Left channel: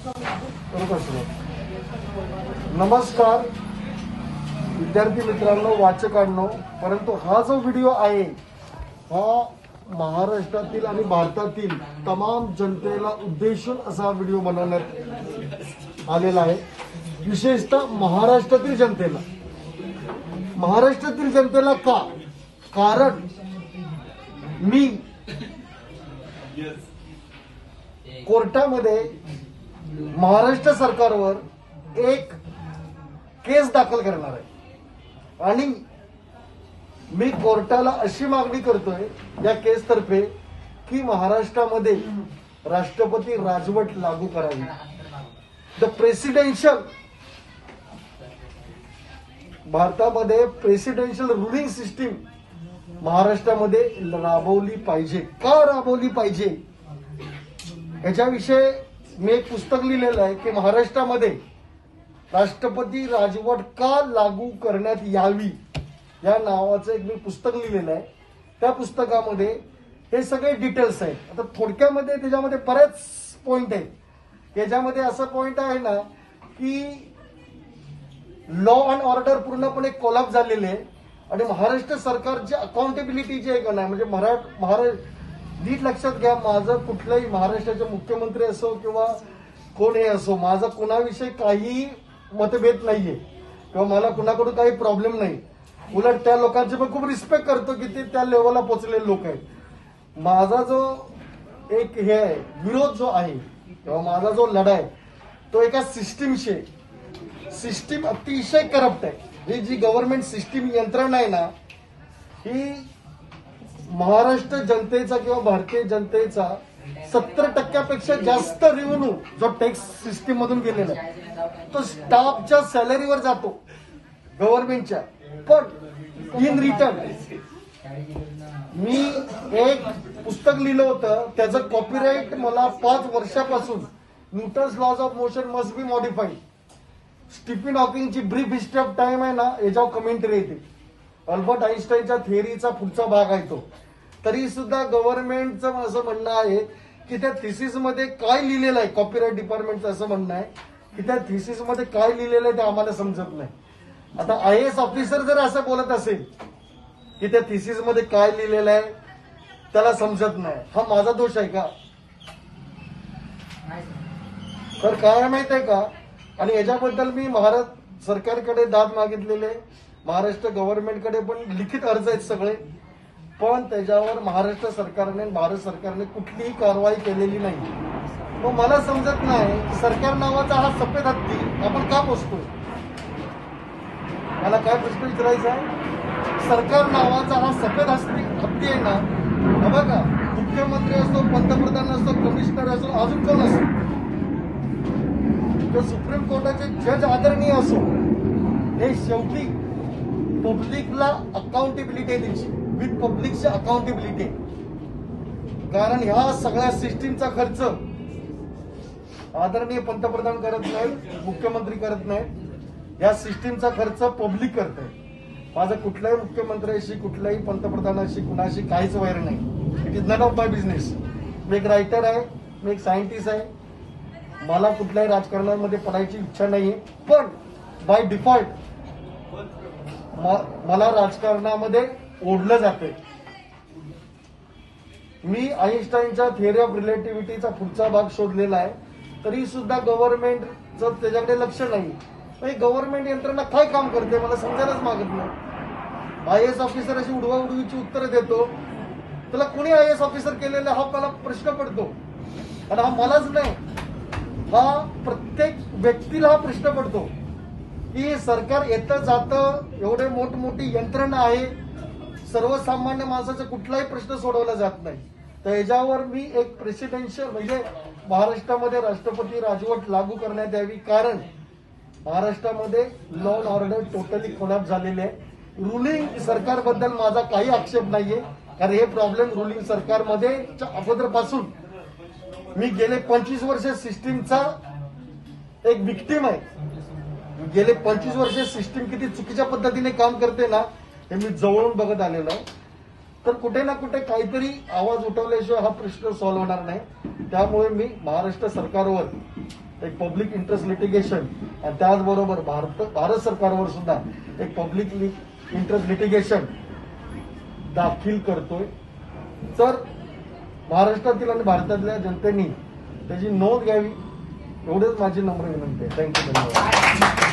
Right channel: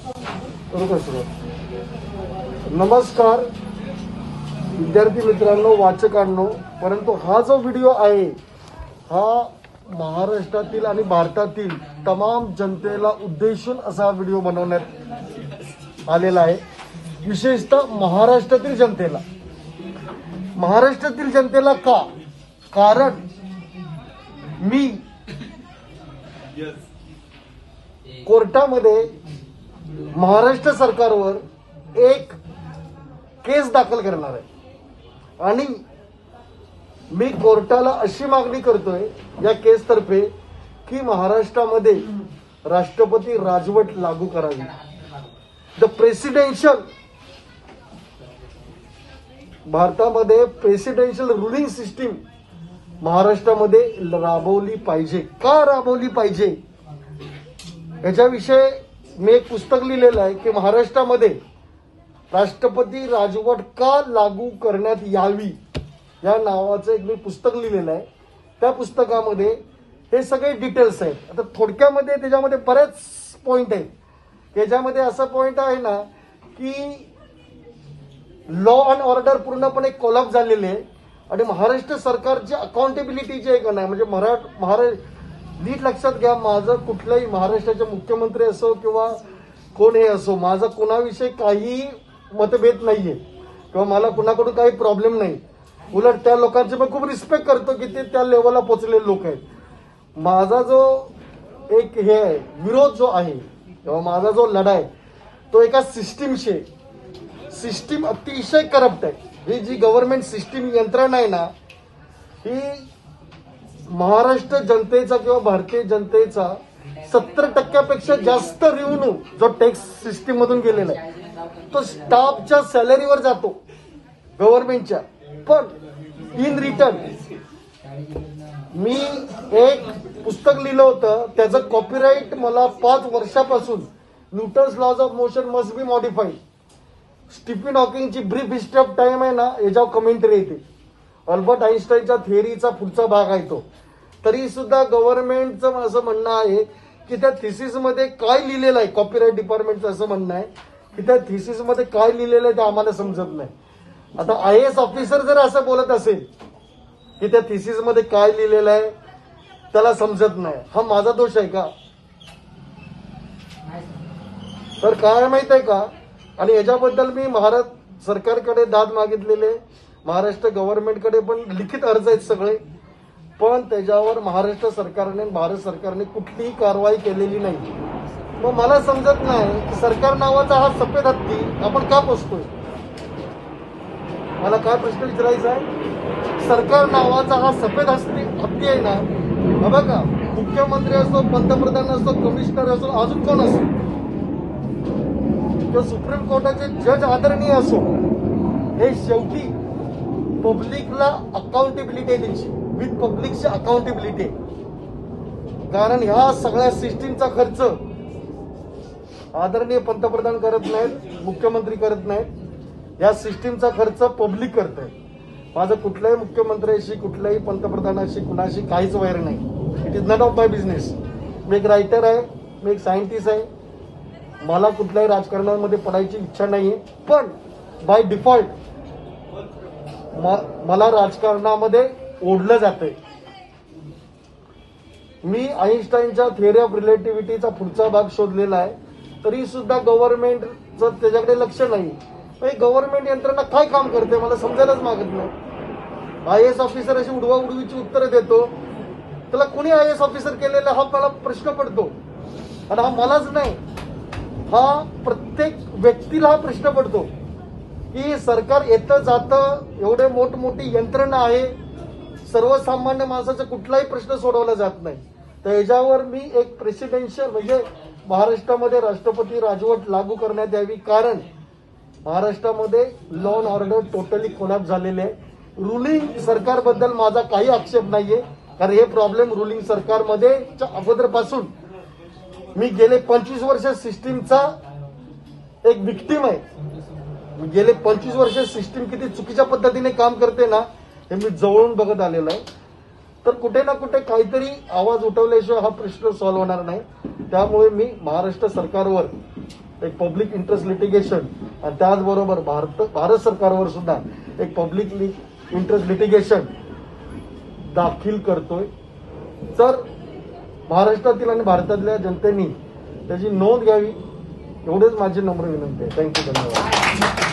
नमस्कार विद्यार्थी मित्रांनो, वाचकांनो, परंतु हा जो व्हिडिओ आहे हा महाराष्ट्रातील आणि भारतातील तमाम जनतेला उद्देशून असा व्हिडिओ बनवण्यात आलेला आहे। विशेषतः महाराष्ट्रातील जनतेला का? कारण मी कोर्टामध्ये महाराष्ट्र सरकारवर एक केस दाखल करणार आहे आणि मी कोर्टाला अशी मागणी करतोय या केसतर्फे की महाराष्ट्रामध्ये राष्ट्रपती राजवट लागू करावी। द प्रेसिडेन्शियल भारतामध्ये प्रेसिडेन्शियल रुलिंग सिस्टीम महाराष्ट्रामध्ये राबवली पाहिजे। का राबवली पाहिजे याच्याविषयी मी एक पुस्तक लिहिलेलं आहे की महाराष्ट्रामध्ये राष्ट्रपती राजवट का लागू करण्यात यावी या नावाचं एक मी पुस्तक लिहिलेलं आहे। त्या पुस्तकामध्ये हे सगळे डिटेल्स आहेत। आता थोडक्यामध्ये त्याच्यामध्ये बरेच पॉइंट आहेत। त्याच्यामध्ये असा पॉइंट आहे ना की लॉ अँड ऑर्डर पूर्णपणे कोलॅप्स झालेले आहे आणि महाराष्ट्र सरकारची अकाउंटेबिलिटी जे आहे ना, म्हणजे नीट लक्षात घ्या, माझं कुठलाही महाराष्ट्राचे मुख्यमंत्री असो किंवा कोण हे असो, माझा कोणाविषयी काही मतभेद नाहीये किंवा मला कुणाकडून काही प्रॉब्लेम नाही। उलट त्या लोकांचे पण खूप रिस्पेक्ट करतो की ते त्या लेवलला पोहोचलेले लोक आहेत। माझा जो एक हे आहे विरोध जो आहे किंवा माझा जो लढा आहे तो एका सिस्टीमशी, सिस्टीम अतिशय करप्ट आहे। ही जी गव्हर्नमेंट सिस्टीम यंत्रणा आहे ना, ही महाराष्ट्र जनतेचा किंवा भारतीय जनतेचा 70% जास्त रेव्हेन्यू जो टॅक्स सिस्टीम मधून गेलेला आहे तो स्टाफच्या सॅलरीवर जातो गव्हर्नमेंटच्या। पण इन रिटर्न मी एक पुस्तक लिहिलं होतं, त्याचं कॉपीराईट मला 5 वर्षापासून Newton's laws of motion must be modified, Stephen हॉकिंगची ब्रीफ हिस्ट्री ऑफ टाइम आहे ना, याच्यावर कमेंटरी येते। अल्बर्ट आइन्स्टाईनच्या थिअरीचा पुढचा भाग आहे तो। तरी सुद्धा गव्हर्नमेंटचं असं म्हणणं आहे की त्या थिसिसमध्ये काय लिहिलेलं आहे, कॉपीराईट डिपार्टमेंटचं असं म्हणणं आहे की त्या थिसिसमध्ये काय लिहिलेलं आहे ते आम्हाला समजत नाही। आता आयएएस ऑफिसर जर असं बोलत असेल की त्या थिसिसमध्ये काय लिहिलेलं आहे त्याला समजत नाही, हा माझा दोष आहे का? तर काय माहित आहे का? आणि याच्याबद्दल मी महाराष्ट्र सरकारकडे दाद मागितलेले, महाराष्ट्र गव्हर्नमेंटकडे पण लिखित अर्ज आहेत सगळे, पण त्याच्यावर महाराष्ट्र सरकारने भारत सरकारने कुठलीही कारवाई केलेली नाही। मग मला समजत नाही की सरकार नावाचा हा सफेद हत्ती आपण का पोसतोय? मला काय प्रश्न विचारायचा आहे? सरकार नावाचा हा सफेद हत्ती आहे ना, बघा, मुख्यमंत्री असो, पंतप्रधान असो, कमिशनर असो, अजून कोण असो, जो सुप्रीम कोर्टाचे जज आदरणीय असो, हे शेवटी पब्लिकला अकाउंटेबिलिटी द्यायची, विथ पब्लिकची अकाउंटेबिलिटी। कारण ह्या सगळ्या सिस्टीमचा खर्च आदरणीय पंतप्रधान करत नाहीत, मुख्यमंत्री करत नाहीत, या सिस्टीमचा खर्च पब्लिक करत आहे। माझं कुठल्याही मुख्यमंत्र्याशी, कुठल्याही पंतप्रधानाशी, कुणाशी काहीच वैर नाही। It is none of my business. मी एक रायटर आहे, मी एक सायंटिस्ट आहे, मला कुठल्याही राजकारणामध्ये पडायची इच्छा नाहीये, पण बाय डिफॉल्ट मला राजकारणामध्ये ओढलं जातंय। मी आइन्स्टाईनच्या थिअरी ऑफ रिलेटिव्हिटीचा पुढचा भाग शोधलेला आहे, तरी सुद्धा गव्हर्नमेंटचं त्याच्याकडे लक्ष नाही। गव्हर्नमेंट यंत्रणा काय काम करते मला समजायलाच मागत नाही। आयएएस ऑफिसर अशी उडवाउडवीची उत्तरं देतो, त्याला कोणी आयएएस ऑफिसर केलेला हा मला प्रश्न पडतो। आणि हा मलाच नाही, हा प्रत्येक व्यक्तीला हा प्रश्न पडतो की सरकार येतं जातं, एवढे मोठमोठी यंत्रणा आहे, सर्वसामान्य माणसाचा कुठलाही प्रश्न सोडवला जात नाही। तर याच्यावर मी एक प्रेसिडेन्शियल म्हणजे महाराष्ट्रामध्ये राष्ट्रपती राजवट लागू करण्यात यावी। कारण महाराष्ट्रामध्ये law and order totally collapse झालेले आहे। रुलिंग सरकारबद्दल माझा काही आक्षेप नाहीये, कारण हे प्रॉब्लेम रुलिंग सरकारमध्ये अगोदरपासून मी गेले 25 वर्ष सिस्टीमचा एक विक्टीम आहे। गेले 25 वर्ष सिस्टीम किती चुकीच्या पद्धतीने काम करते ना, हे मी जवळून बघत आलेलो आहे। तर कुठे ना कुठे काहीतरी आवाज उठवल्याशिवाय हा प्रश्न सॉल्व्ह होणार नाही। त्यामुळे मी महाराष्ट्र सरकारवर एक पब्लिक इंटरेस्ट लिटिगेशन आणि त्याचबरोबर भारत सरकारवर सुद्धा एक पब्लिक इंटरेस्ट लिटिगेशन दाखल करतोय. तर महाराष्ट्रातील आणि भारतातल्या जनतेने त्याची नोंद घ्यावी एवढेच माझी नम्र विनंती आहे. थँक्यू. धन्यवाद.